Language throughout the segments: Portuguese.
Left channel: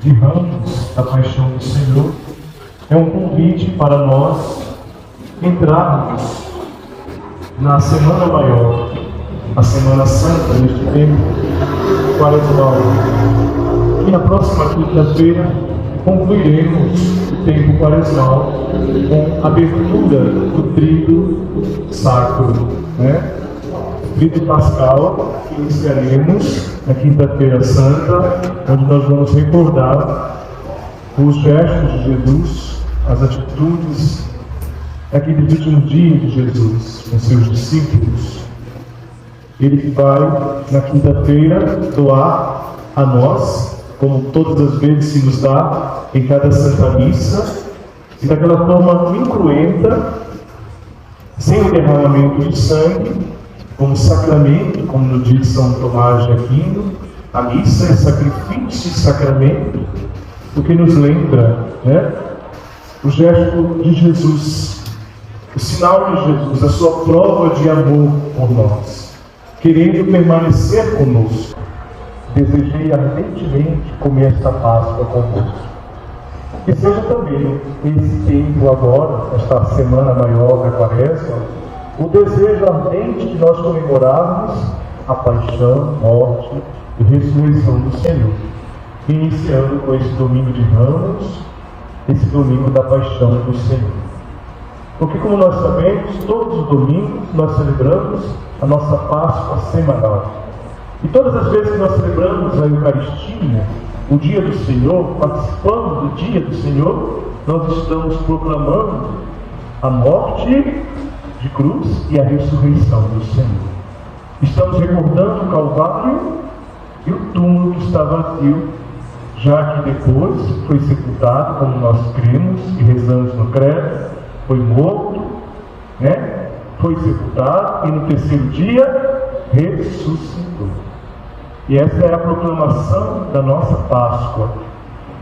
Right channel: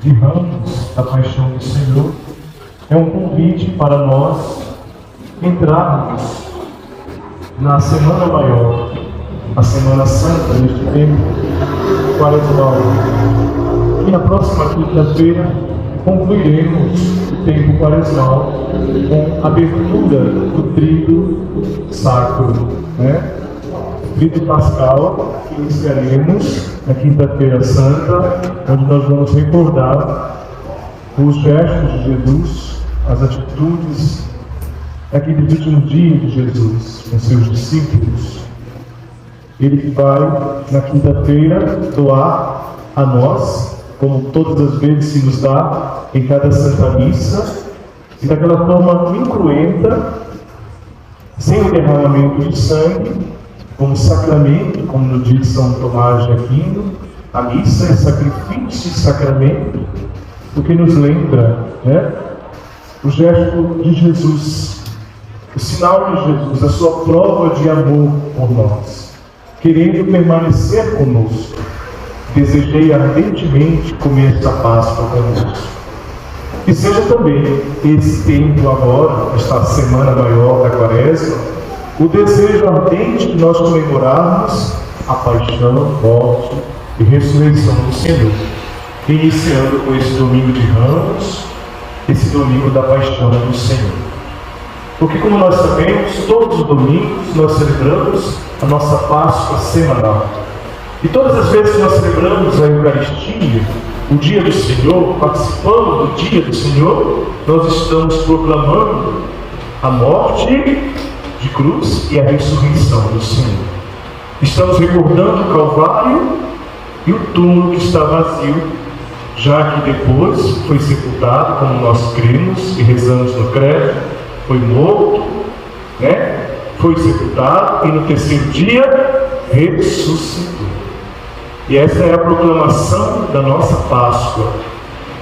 De Ramos, da Paixão do Senhor, é um convite para nós entrarmos na Semana Maior, a Semana Santa, neste tempo quaresmal. E na próxima quinta-feira concluiremos o tempo quaresmal com a abertura do Tríduo Sacro, Tríduo Pascal, que iniciaremos na Quinta-feira Santa, onde nós vamos recordar os gestos de Jesus, as atitudes daquele último dia de Jesus com seus discípulos. Ele que vai, na quinta-feira, doar a nós, como todas as vezes se nos dá em cada Santa Missa, e daquela forma incruenta, sem o derramamento de sangue, como sacramento, como no dia de São Tomás de Aquino. A missa é sacrifício e sacramento, o que nos lembra o gesto de Jesus, o sinal de Jesus, a sua prova de amor por nós, querendo permanecer conosco. Desejei ardentemente comer esta Páscoa convosco. Que seja também esse tempo agora, esta Semana Maior da Quaresma, o desejo ardente de nós comemorarmos a paixão, morte e ressurreição do Senhor, iniciando com esse domingo de Ramos, esse domingo da paixão do Senhor. Porque, como nós sabemos, todos os domingos nós celebramos a nossa Páscoa semanal. E todas as vezes que nós celebramos a Eucaristia, o dia do Senhor, participando do dia do Senhor, nós estamos proclamando a morte de cruz e a ressurreição do Senhor. Estamos recordando o Calvário e o túmulo que está vazio, já que depois foi sepultado, como nós cremos e rezamos no credo, foi morto, foi sepultado e no terceiro dia ressuscitou. E essa é a proclamação da nossa Páscoa.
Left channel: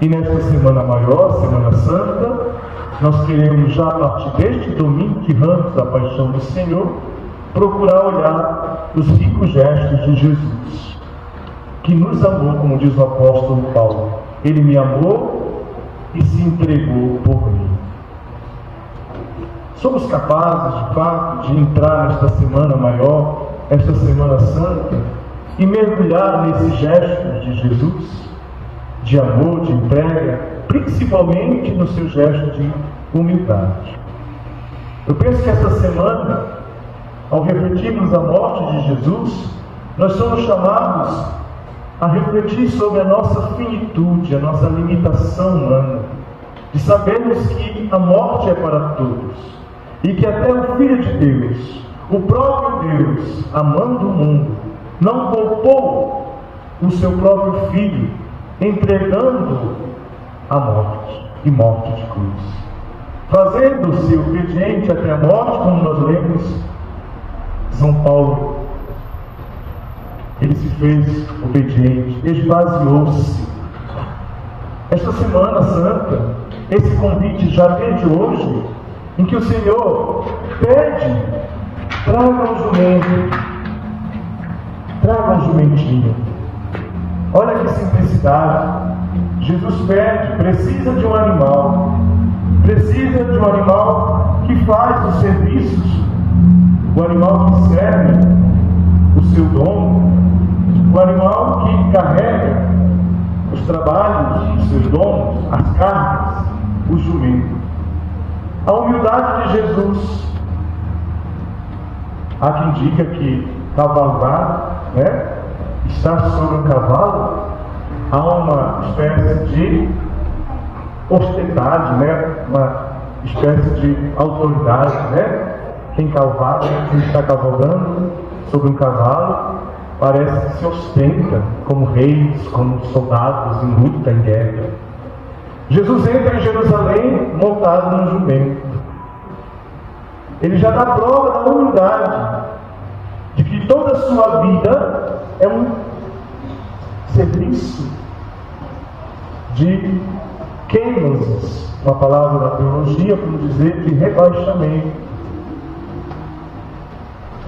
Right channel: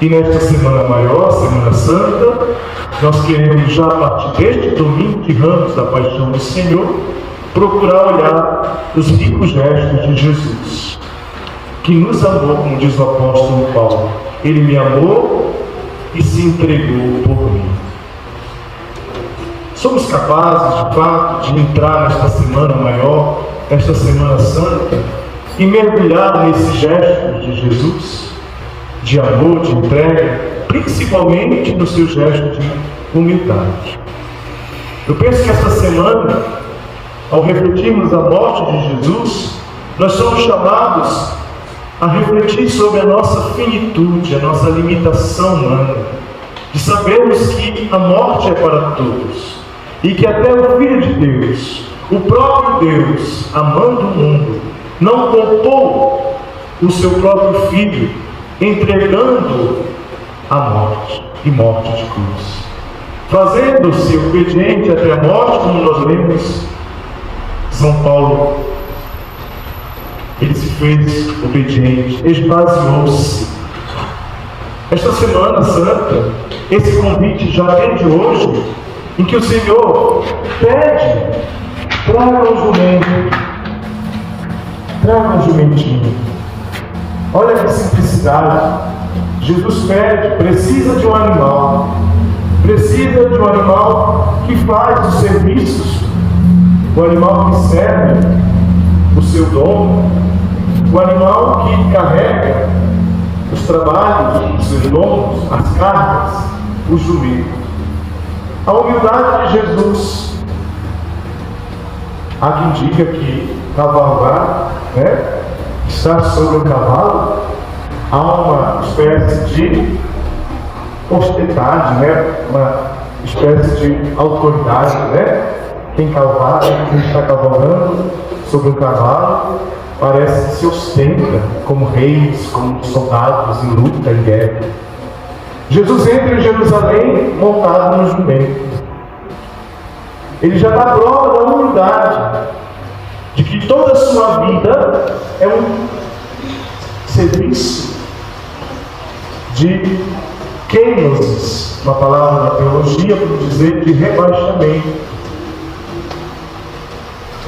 E nesta Semana Maior, Semana Santa, nós queremos, já a partir deste domingo de Ramos da Paixão do Senhor, procurar olhar os ricos gestos de Jesus, que nos amou, como diz o apóstolo Paulo. Ele me amou e se entregou por mim. Somos capazes, de fato, de entrar nesta Semana Maior, esta Semana Santa, e mergulhar nesses gestos de Jesus, de amor, de entrega, principalmente no seu gesto de humildade. Eu penso que esta semana, ao refletirmos a morte de Jesus, nós somos chamados a refletir sobre a nossa finitude, a nossa limitação humana, de sabermos que a morte é para todos, e que até o Filho de Deus, o próprio Deus, amando o mundo, não poupou o seu próprio Filho, entregando a morte, e morte de cruz, fazendo-se obediente até a morte, como nós lemos São Paulo. Ele se fez obediente, esvaziou-se. Esta Semana Santa, esse convite já desde hoje, em que o Senhor pede: traga um jumento, traga um jumentinho. Olha que simplicidade. Jesus pede, precisa de um animal, precisa de um animal que faz os serviços, o animal que serve o seu dono, o animal que carrega os trabalhos dos seus donos, as cargas, o jumento. A humildade de Jesus. Há quem diga que cavalgar, estar sobre um cavalo, há uma espécie de ostentade, uma espécie de autoridade, Quem cavalga, quem está cavalgando sobre um cavalo, parece que se ostenta como reis, como soldados em luta, em guerra. Jesus entra em Jerusalém montado no jumento. Ele já dá prova da humildade, de que toda a sua vida é um serviço de kenosis, uma palavra na teologia para dizer de rebaixamento.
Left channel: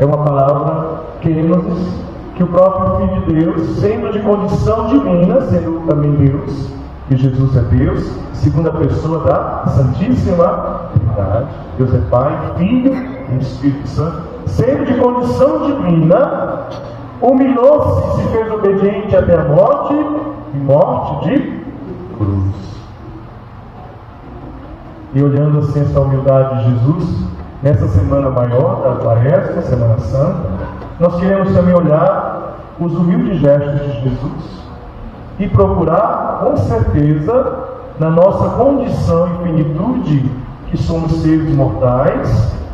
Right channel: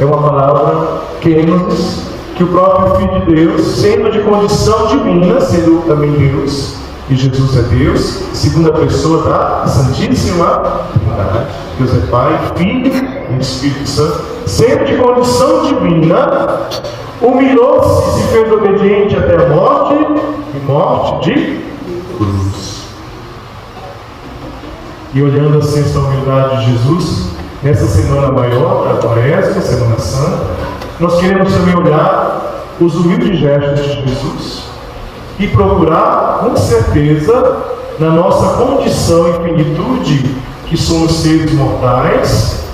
é uma palavra kenosis, que o próprio Filho de Deus, sendo de condição divina, sendo também Deus, e Jesus é Deus, segunda pessoa da Santíssima Trindade, Deus é Pai, Filho e Espírito Santo, sendo de condição divina, humilhou-se e se fez obediente até a morte, e morte de cruz. E olhando assim essa humildade de Jesus, nessa semana maior da Quaresma, Semana Santa, nós queremos também olhar os humildes gestos de Jesus e procurar, com certeza, na nossa condição e finitude, que somos seres mortais,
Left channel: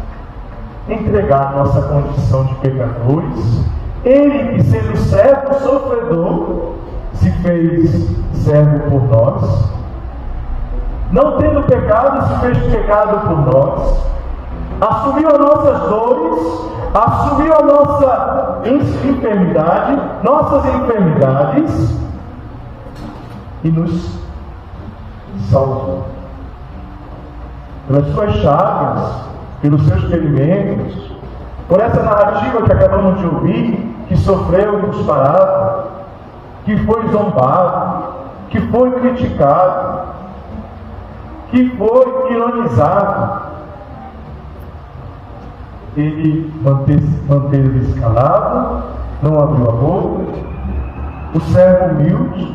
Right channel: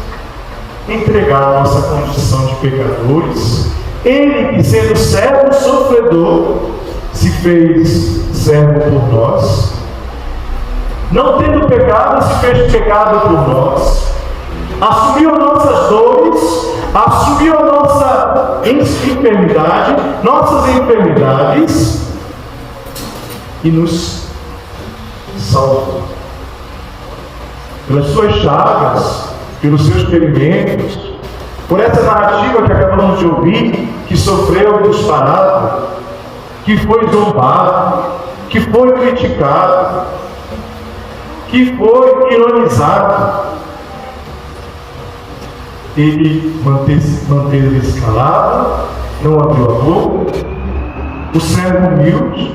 entregar a nossa condição de pecadores. Ele, que sendo servo sofredor, se fez servo por nós. Não tendo pecado, se fez pecado por nós. Assumiu as nossas dores, assumiu a nossa enfermidade, nossas enfermidades, e nos salvou. Pelas suas chagas, pelos seus ferimentos, por essa narrativa que acabamos de ouvir, que sofreu disparado, que foi zombado, que foi criticado, que foi ironizado. Ele manteve-se calado, não abriu a boca, o servo humilde,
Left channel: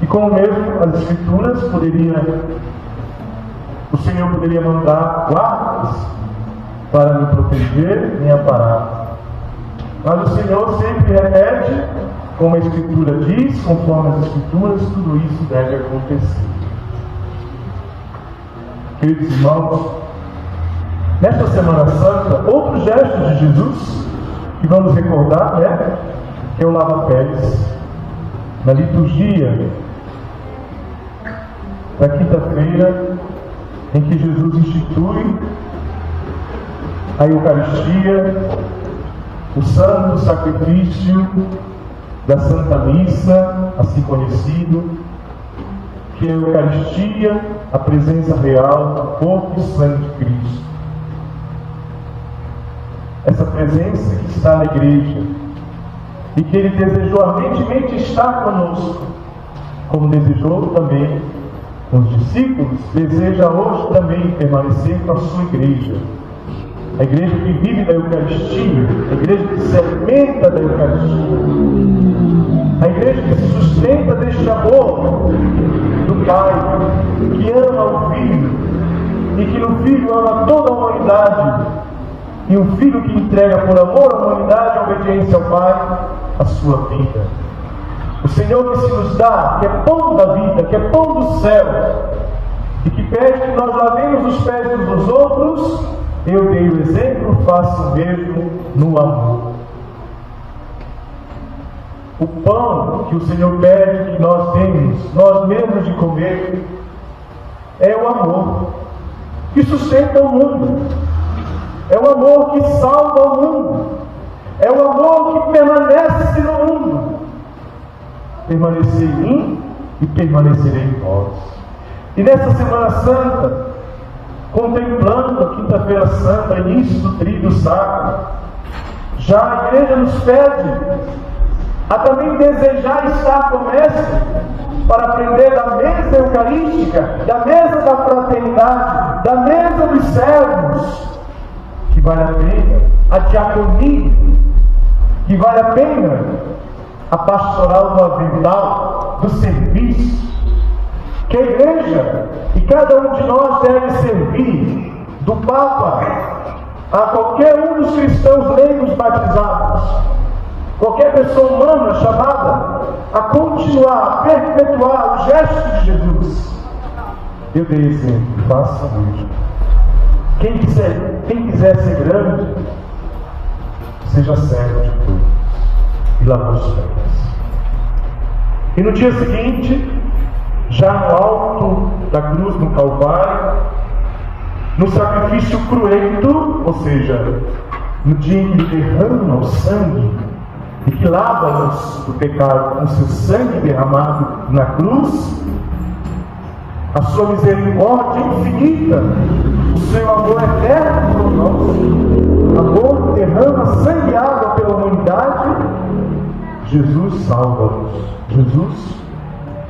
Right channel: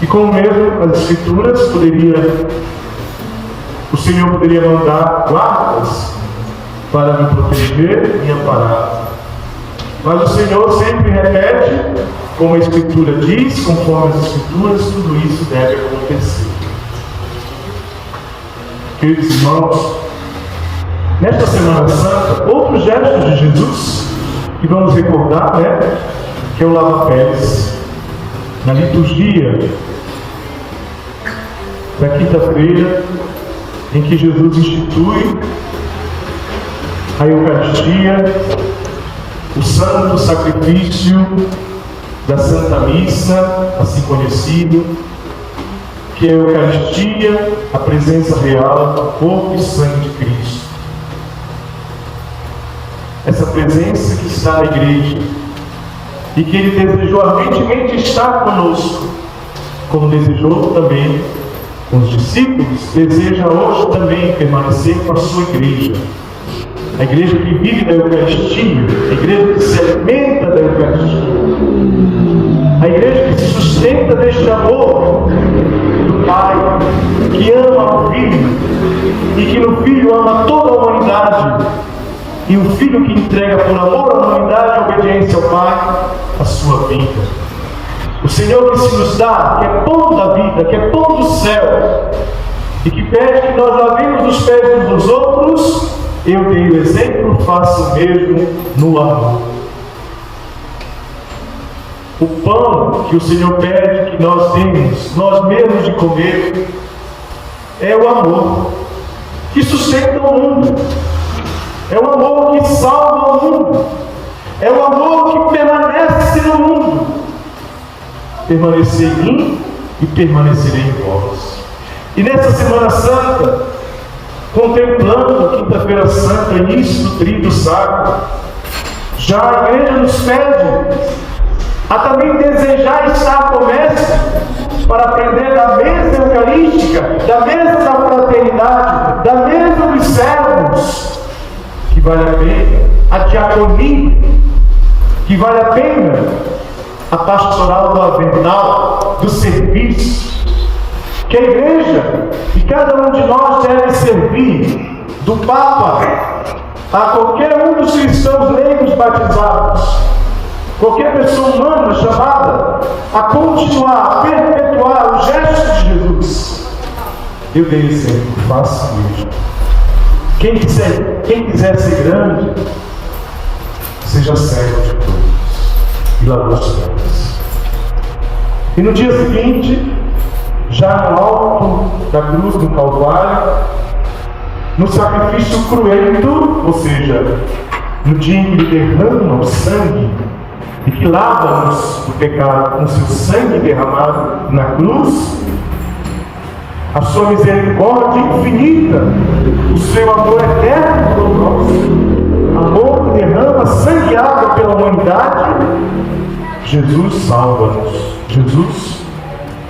e como mesmo as Escrituras o Senhor poderia mandar guardas para me proteger, me amparar. Mas o Senhor sempre repete, como a Escritura diz, conforme as Escrituras, tudo isso deve acontecer. Queridos irmãos, nesta Semana Santa, outros gestos de Jesus que vamos recordar, que é o lava-pés. Na liturgia da quinta-feira, em que Jesus institui a Eucaristia, o santo sacrifício da Santa Missa, assim conhecido, que é a Eucaristia, a presença real do corpo e sangue de Cristo. Essa presença que está na igreja e que Ele desejou ardentemente estar conosco, como desejou também com os discípulos, deseja hoje também permanecer com a sua igreja. A igreja que vive da Eucaristia, a igreja que se alimenta da Eucaristia, a igreja que se sustenta deste amor do Pai, que ama o Filho e que no Filho ama toda a humanidade, e o Filho que entrega por amor à humanidade e obediência ao Pai a sua vida. O Senhor que se nos dá, que é pão da vida, que é pão do céu, e que pede que nós lavemos os pés uns dos outros. Eu dei o exemplo, faço o mesmo no amor. O pão que o Senhor pede que nós demos, nós mesmos de comer, é o amor que sustenta o mundo, é o amor que salva o mundo, é o amor que permanece no mundo. Permanecer em mim e permanecerei em vós. E nessa Semana Santa, contemplando a Quinta-feira Santa, início do Tríduo Sacro, já a igreja nos pede a também desejar estar com o Mestre para aprender da mesa eucarística, da mesa da fraternidade, da mesa dos servos, que vale a pena a diaconia, que vale a pena a pastoral do avental, do serviço, que a igreja e cada um de nós deve servir, do Papa a qualquer um dos cristãos leigos batizados, qualquer pessoa humana chamada a continuar, a perpetuar os gestos de Jesus. Eu dei exemplo, faça mesmo. Quem quiser ser grande, seja servo de todos e lave os pés. E no dia seguinte, já no alto da cruz do Calvário, no sacrifício cruento, ou seja, no dia em que Ele derrama o sangue e que lava-nos do pecado com seu sangue derramado na cruz, a sua misericórdia infinita o seu amor eterno por nós, amor que derrama sangue e água pela humanidade, Jesus salva-nos. Jesus,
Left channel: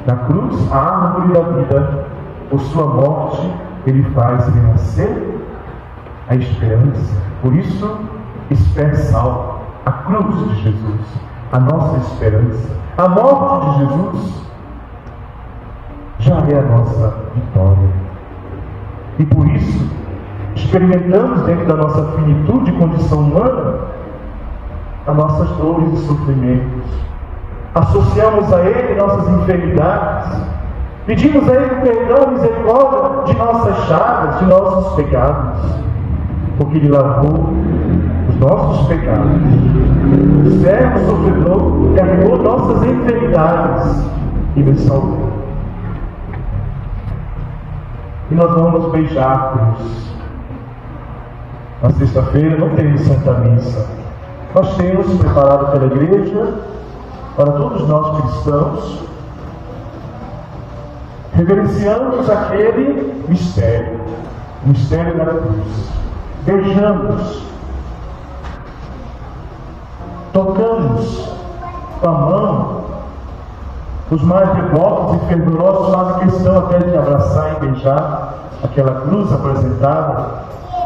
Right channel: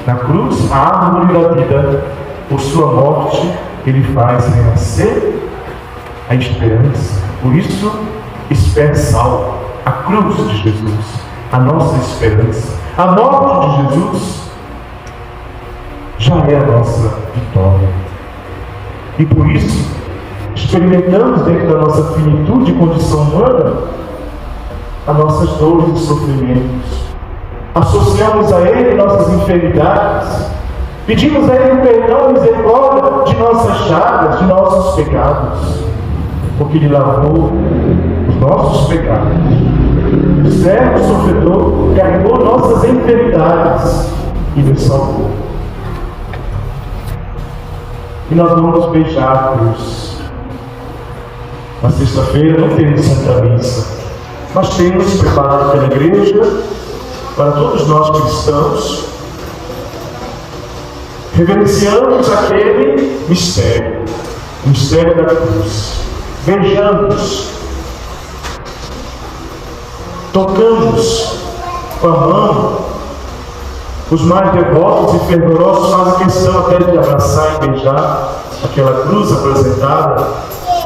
na cruz, a árvore da vida, por sua morte, Ele faz renascer a esperança. Por isso, espere salvo. A cruz de Jesus, a nossa esperança. A morte de Jesus já é a nossa vitória. E por isso, experimentamos dentro da nossa finitude e condição humana as nossas dores e sofrimentos. Associamos a Ele nossas enfermidades. Pedimos a Ele perdão e misericórdia de nossas chagas, de nossos pecados. Porque Ele lavou os nossos pecados. O servo sofredor carregou nossas enfermidades e nos salvou. E nós vamos beijar a cruz. Na sexta-feira não temos Santa Missa, mas temos preparado pela Igreja, para todos nós cristãos, reverenciamos aquele mistério, o mistério da cruz. Beijamos, tocamos com a mão. Os mais devotos e fervorosos fazem questão até de abraçar e beijar aquela cruz apresentada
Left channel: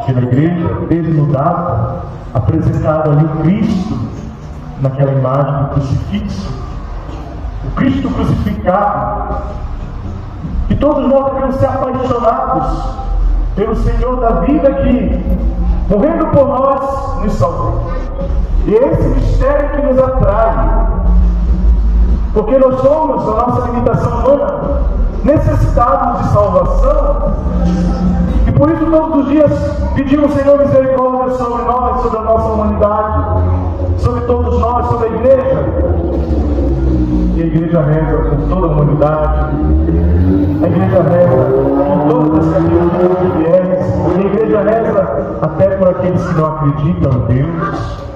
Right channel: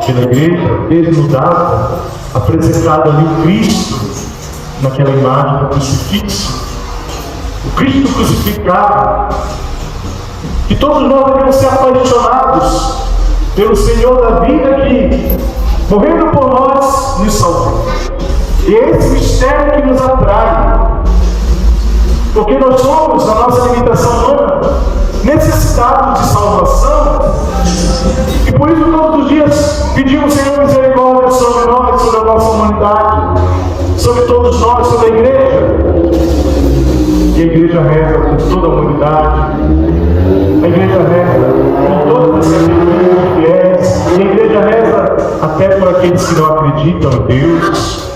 pela Igreja, desnudada, apresentada ali o Cristo, naquela imagem do crucifixo, o Cristo crucificado. E todos nós devemos ser apaixonados pelo Senhor da vida que, morrendo por nós, nos salvou. E é esse mistério que nos atrai, porque nós somos, na nossa limitação humana, necessitados de salvação, e por isso todos os dias pedimos, Senhor, misericórdia sobre nós, sobre a nossa humanidade, sobre todos nós, sobre a Igreja. E a Igreja reza por toda a humanidade, a Igreja reza por todas as categorias de fiéis, e a Igreja reza até por aqueles que não acreditam em Deus,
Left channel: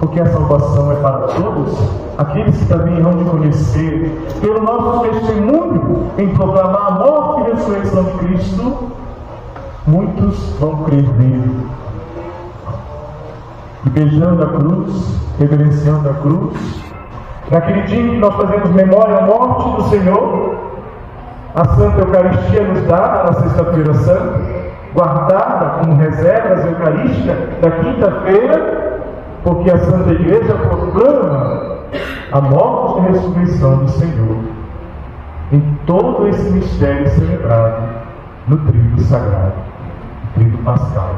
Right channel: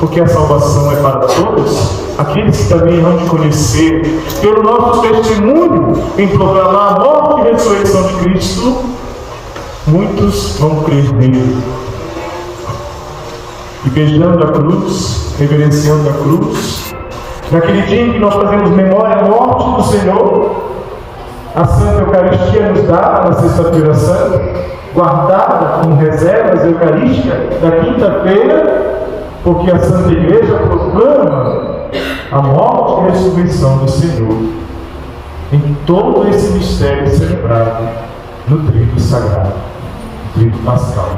porque a salvação é para todos, aqueles que também vão te conhecer, pelo nosso testemunho em proclamar a morte e ressurreição de Cristo, muitos vão crer nele. E beijando a cruz, reverenciando a cruz, naquele dia em que nós fazemos memória da morte do Senhor, a Santa Eucaristia nos dá, na Sexta-feira Santa, guardada como reservas eucarísticas da quinta-feira, porque a Santa Igreja proclama a morte e a ressurreição do Senhor em todo esse mistério celebrado no trido sagrado, no trido pascal.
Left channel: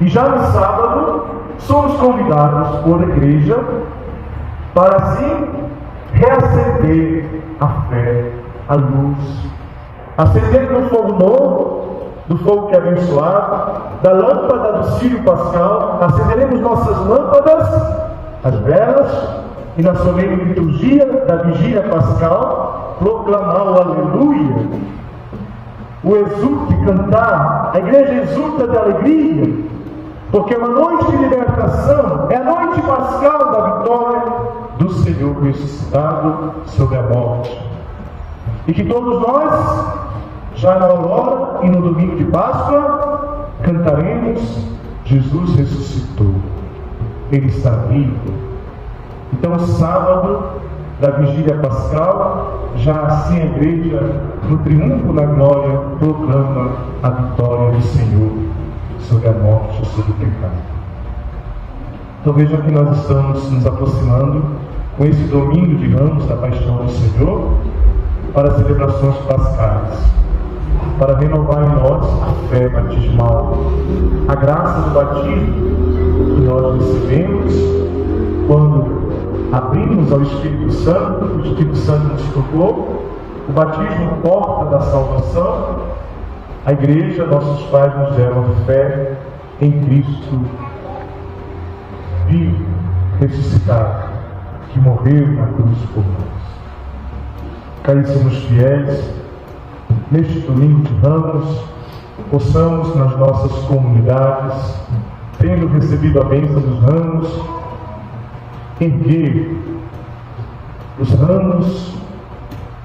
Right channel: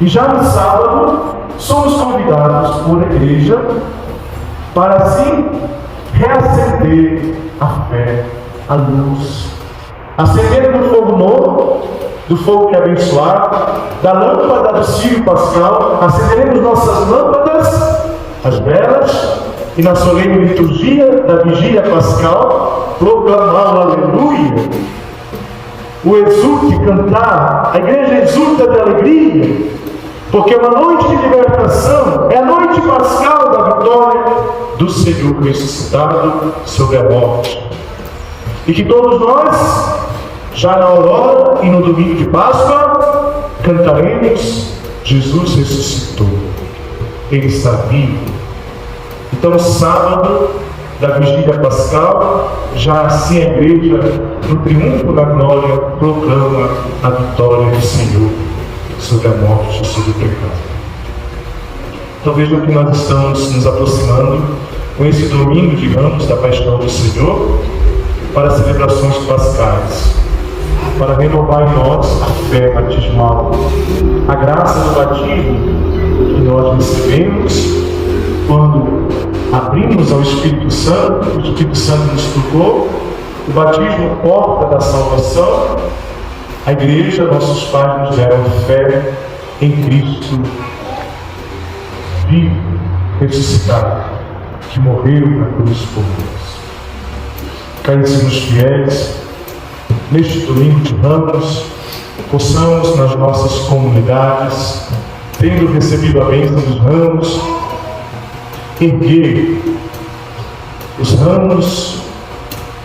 E já no sábado, somos convidados por Igreja para assim reacender a fé, a luz, acender do fogo novo, do fogo que é abençoado, da lâmpada do Círio Pascal, acenderemos nossas lâmpadas, as velas, e na solene liturgia da Vigília Pascal, proclamar o Aleluia, o exulte, cantar. A Igreja exulta de alegria, porque é uma noite de libertação, é a noite pascal da vitória do Senhor ressuscitado sobre a morte. E que todos nós, já na aurora e no domingo de Páscoa, cantaremos: Jesus ressuscitou, Ele está vivo. Então, sábado da Vigília Pascal, já assim a Igreja, no triunfo da glória, proclama a vitória do Senhor sobre a morte e sobre o pecado. Então vejam que nós estamos nos aproximando com esse domingo de Ramos da Paixão do Senhor para as celebrações pascais, para renovar em nós a fé batismal, a graça do batismo que nós recebemos quando abrimos ao Espírito Santo. O Espírito Santo nos tocou, o batismo porta da salvação. A Igreja, nossos pais nos deram fé em Cristo vivo, ressuscitado, que morreu na cruz por nós. Caríssimos fiéis, neste domingo de Ramos, possamos nas nossas comunidades, tendo recebido a bênção dos ramos, erguer os ramos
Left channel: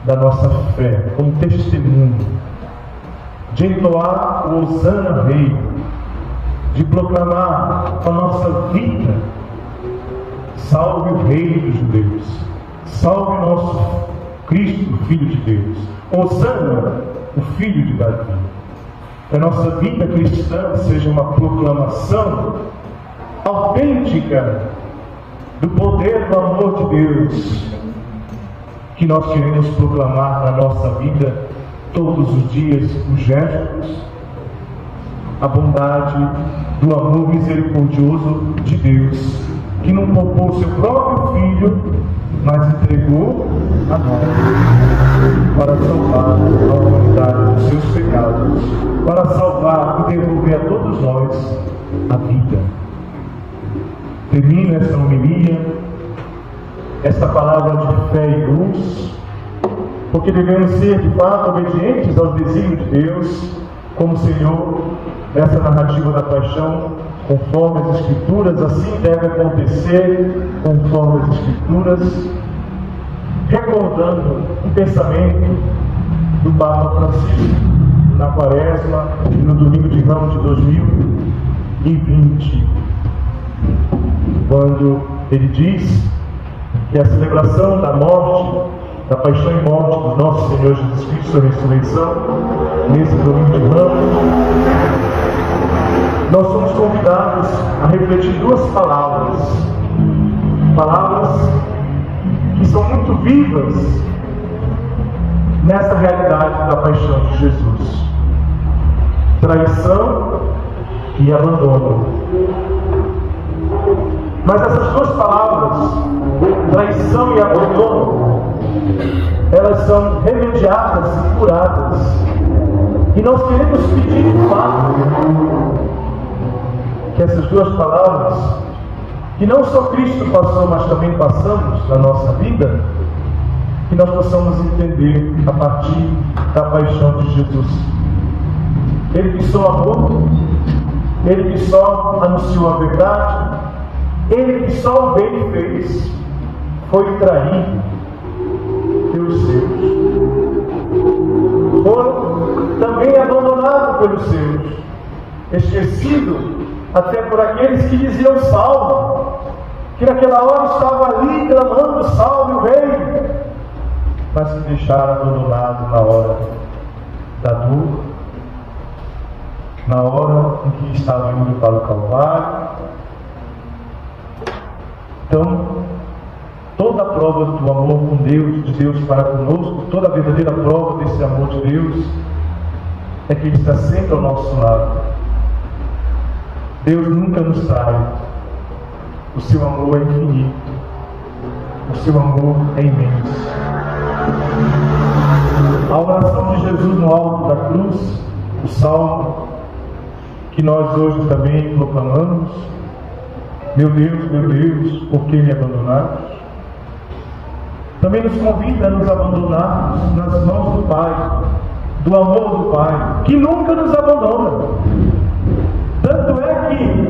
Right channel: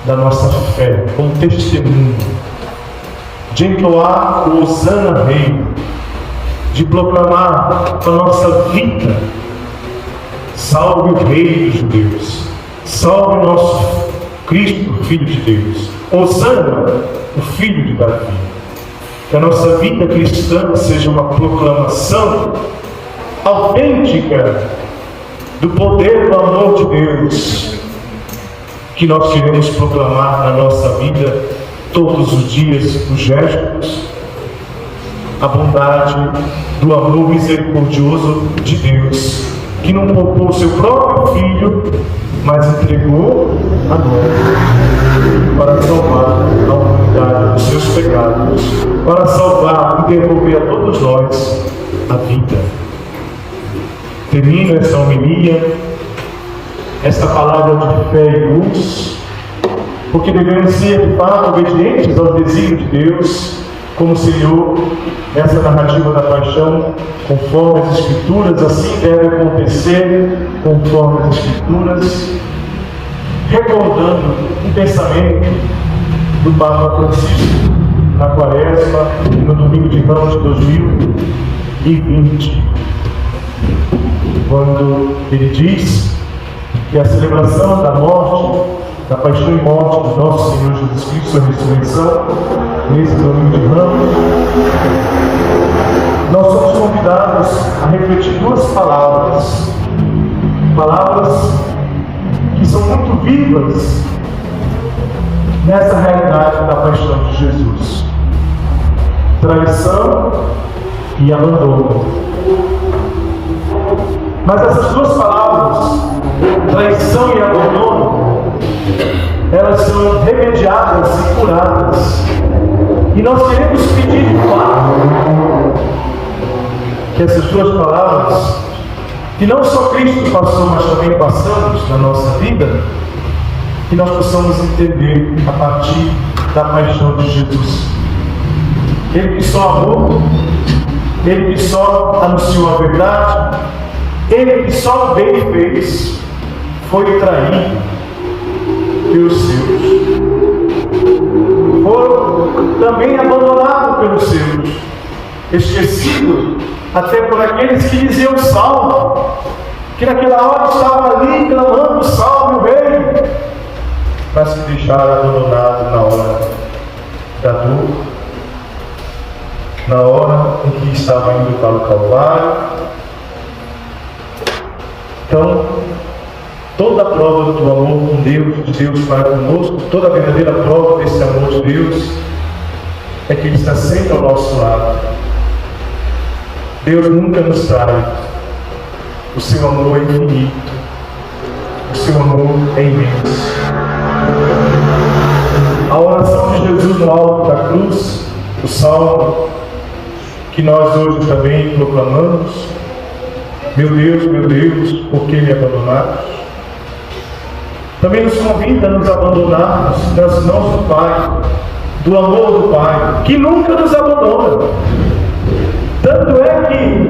da nossa fé como testemunho de entoar o Hosana Rei, de proclamar a nossa vida: salve o Rei dos Judeus, salve o nosso Cristo, Filho de Deus, Hosana, o Filho de Davi. Que a nossa vida cristã seja uma proclamação autêntica do poder do amor de Deus, que nós queremos proclamar na nossa vida todos os dias, os gestos, a bondade do amor misericordioso de Deus, que não poupou o seu próprio Filho, mas entregou a nós para salvar a humanidade dos seus pecados, para salvar e devolver a todos nós a vida. Termino essa homilia, esta palavra de fé e luz, porque devemos ser de fato obedientes aos desígnios de Deus, como o Senhor, nessa narrativa da paixão, conforme as Escrituras, assim deve acontecer, conforme as Escrituras, recordando o pensamento do Papa Francisco na Quaresma e no Domingo de Ramos de 2020, quando ele diz que a celebração da morte, da paixão e morte de nosso Senhor Jesus Cristo, sua ressurreição, nesse Domingo de Ramos, nós somos convidados a refletir duas palavras que são muito vivas nessa realidade da paixão de Jesus: traição e abandono. Mas essas duas palavras, traição e abandono, elas são remediadas e curadas. E nós queremos pedir de fato que essas duas palavras, que não só Cristo passou, mas também passamos na nossa vida, que nós possamos entender a partir da paixão de Jesus. Ele que só amou, Ele que só anunciou a verdade, Ele que só o bem fez, foi traído pelos seus. Foram também abandonados pelos seus, esquecido até por aqueles que diziam salve, que naquela hora estavam ali clamando salve o Rei, mas que deixaram abandonado na hora da dor, na hora em que estavam indo para o Calvário. Então, toda a prova do amor com Deus, de Deus para conosco, toda a verdadeira prova desse amor de Deus, é que Ele está sempre ao nosso lado. Deus nunca nos trai. O seu amor é infinito. O seu amor é imenso. A oração de Jesus no alto da cruz, o salmo que nós hoje também proclamamos: meu Deus, por que me abandonaste? Também nos convida a nos abandonarmos nas mãos do Pai, do amor do Pai, que nunca nos abandona. Tanto é que,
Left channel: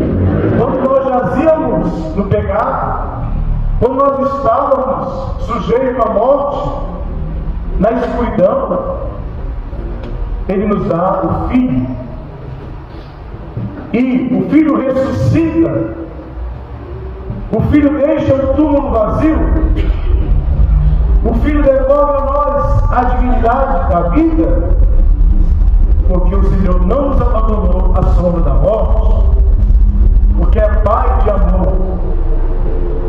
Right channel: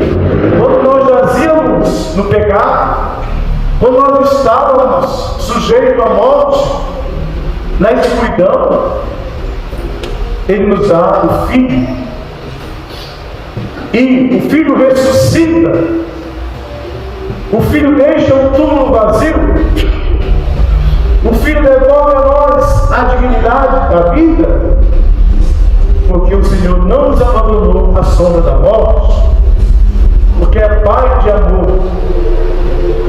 quando nós jazíamos no pecado, quando nós estávamos sujeitos à morte, na escuridão, Ele nos dá o Filho. E o Filho ressuscita. O Filho deixa o túmulo vazio. O Filho devolve a nós a dignidade da vida, porque o Senhor não nos abandonou à sombra da morte, porque é Pai de amor,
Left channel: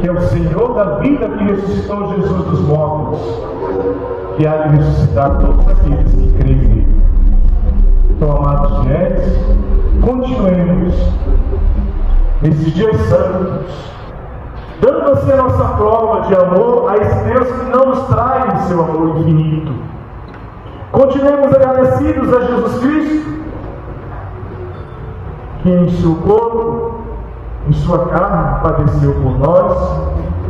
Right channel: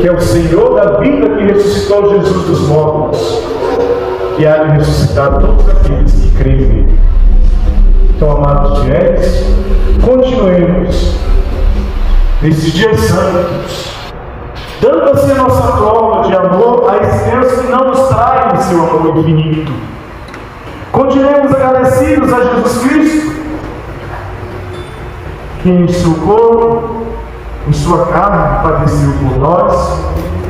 que é o Senhor da vida, que ressuscitou Jesus dos mortos, que há de ressuscitar todos aqueles que creem nele. Então, amados fiéis, continuemos nesses dias santos, dando assim a nossa prova de amor a esse Deus que não nos trai seu amor infinito. Continuemos agradecidos a Jesus Cristo, que em seu corpo, em sua carne, padeceu por nós,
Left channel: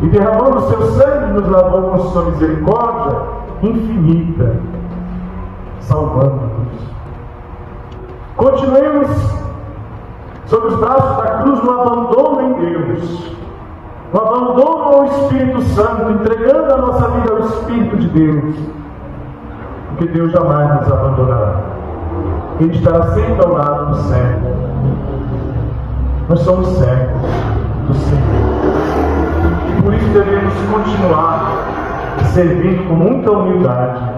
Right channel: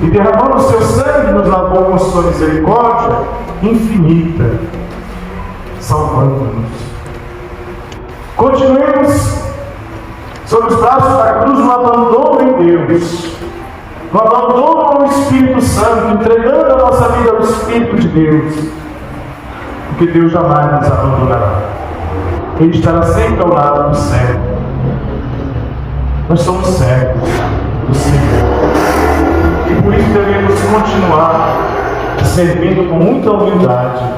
e derramando o seu sangue, nos lavou com sua misericórdia infinita, salvando-nos. Continuemos sob os braços da cruz no abandono em Deus, no abandono ao Espírito Santo, entregando a nossa vida ao Espírito de Deus, porque Deus jamais nos abandonará. Ele estará sempre ao lado do servo. Nós somos servos do Senhor. E por isso devemos continuar servindo com muita humildade.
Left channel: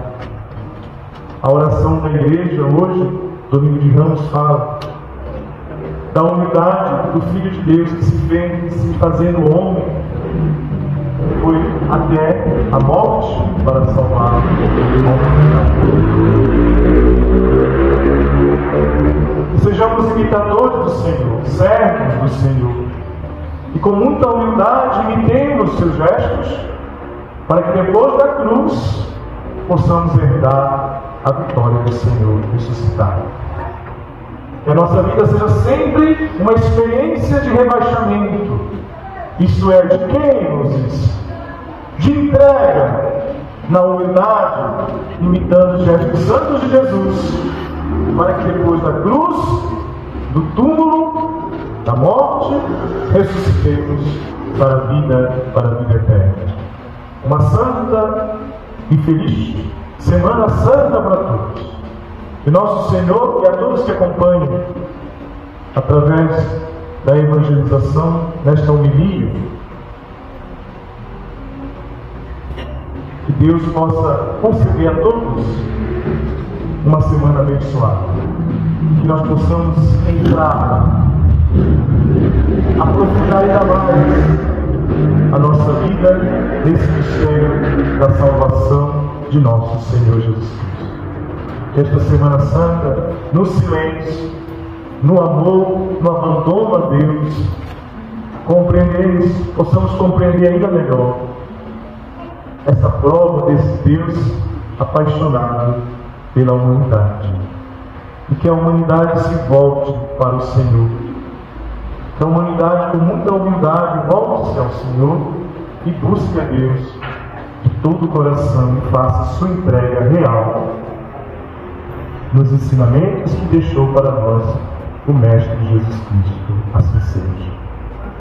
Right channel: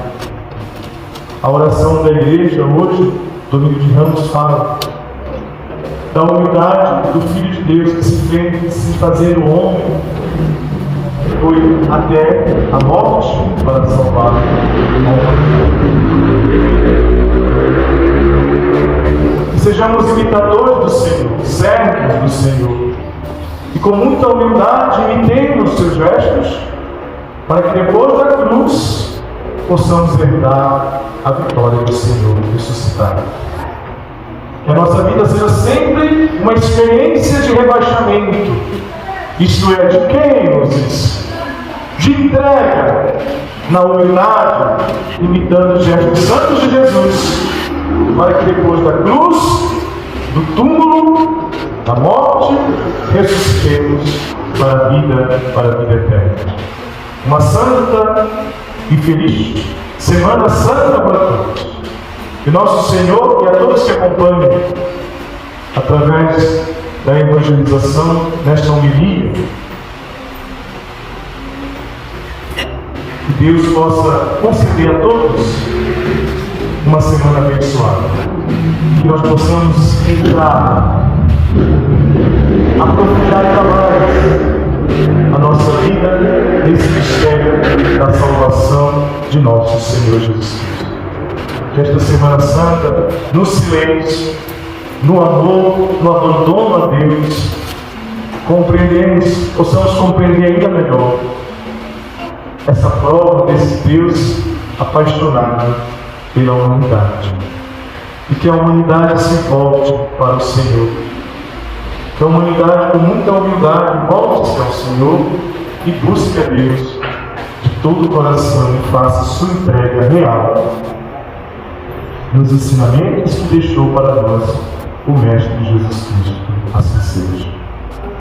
A oração da igreja hoje, domingo de Ramos, fala da humildade do Filho de Deus que se fez se fazendo homem, foi até a morte para salvar a humanidade. Sejamos imitadores do Senhor, servos do Senhor, e com muita humildade imitemos os seus gestos, para que depois da cruz possamos herdar a vitória do Senhor ressuscitado. Que a nossa vida seja sempre uma experiência de rebaixamento, isto é, de quem, Moses? De entrega na humildade, imitando os gestos santos de Jesus, para que depois da cruz, do túmulo, da morte, ressuscitemos para a vida eterna. Uma santa e feliz Semana Santa para todos. Que nosso Senhor e a todos que acompanham, através da evangelização nesta homilia, que Deus possa conceder a todos uma semana abençoada. Que nós possamos entrar, aprofundar ainda mais a nossa vida nesse mistério da salvação de nosso Senhor Jesus Cristo. Que esta Semana Santa, no silêncio, no amor, no abandono a Deus, possamos compreender ainda melhor essa prova desse Deus apaixonado pela humanidade. E que a humanidade se volte para o Senhor. Que a humanidade, com muita humildade, volte-se ao Senhor e busque a Deus de todo o coração e faça sua entrega real nos ensinamentos que deixou para nós o Mestre Jesus Cristo. Assim seja.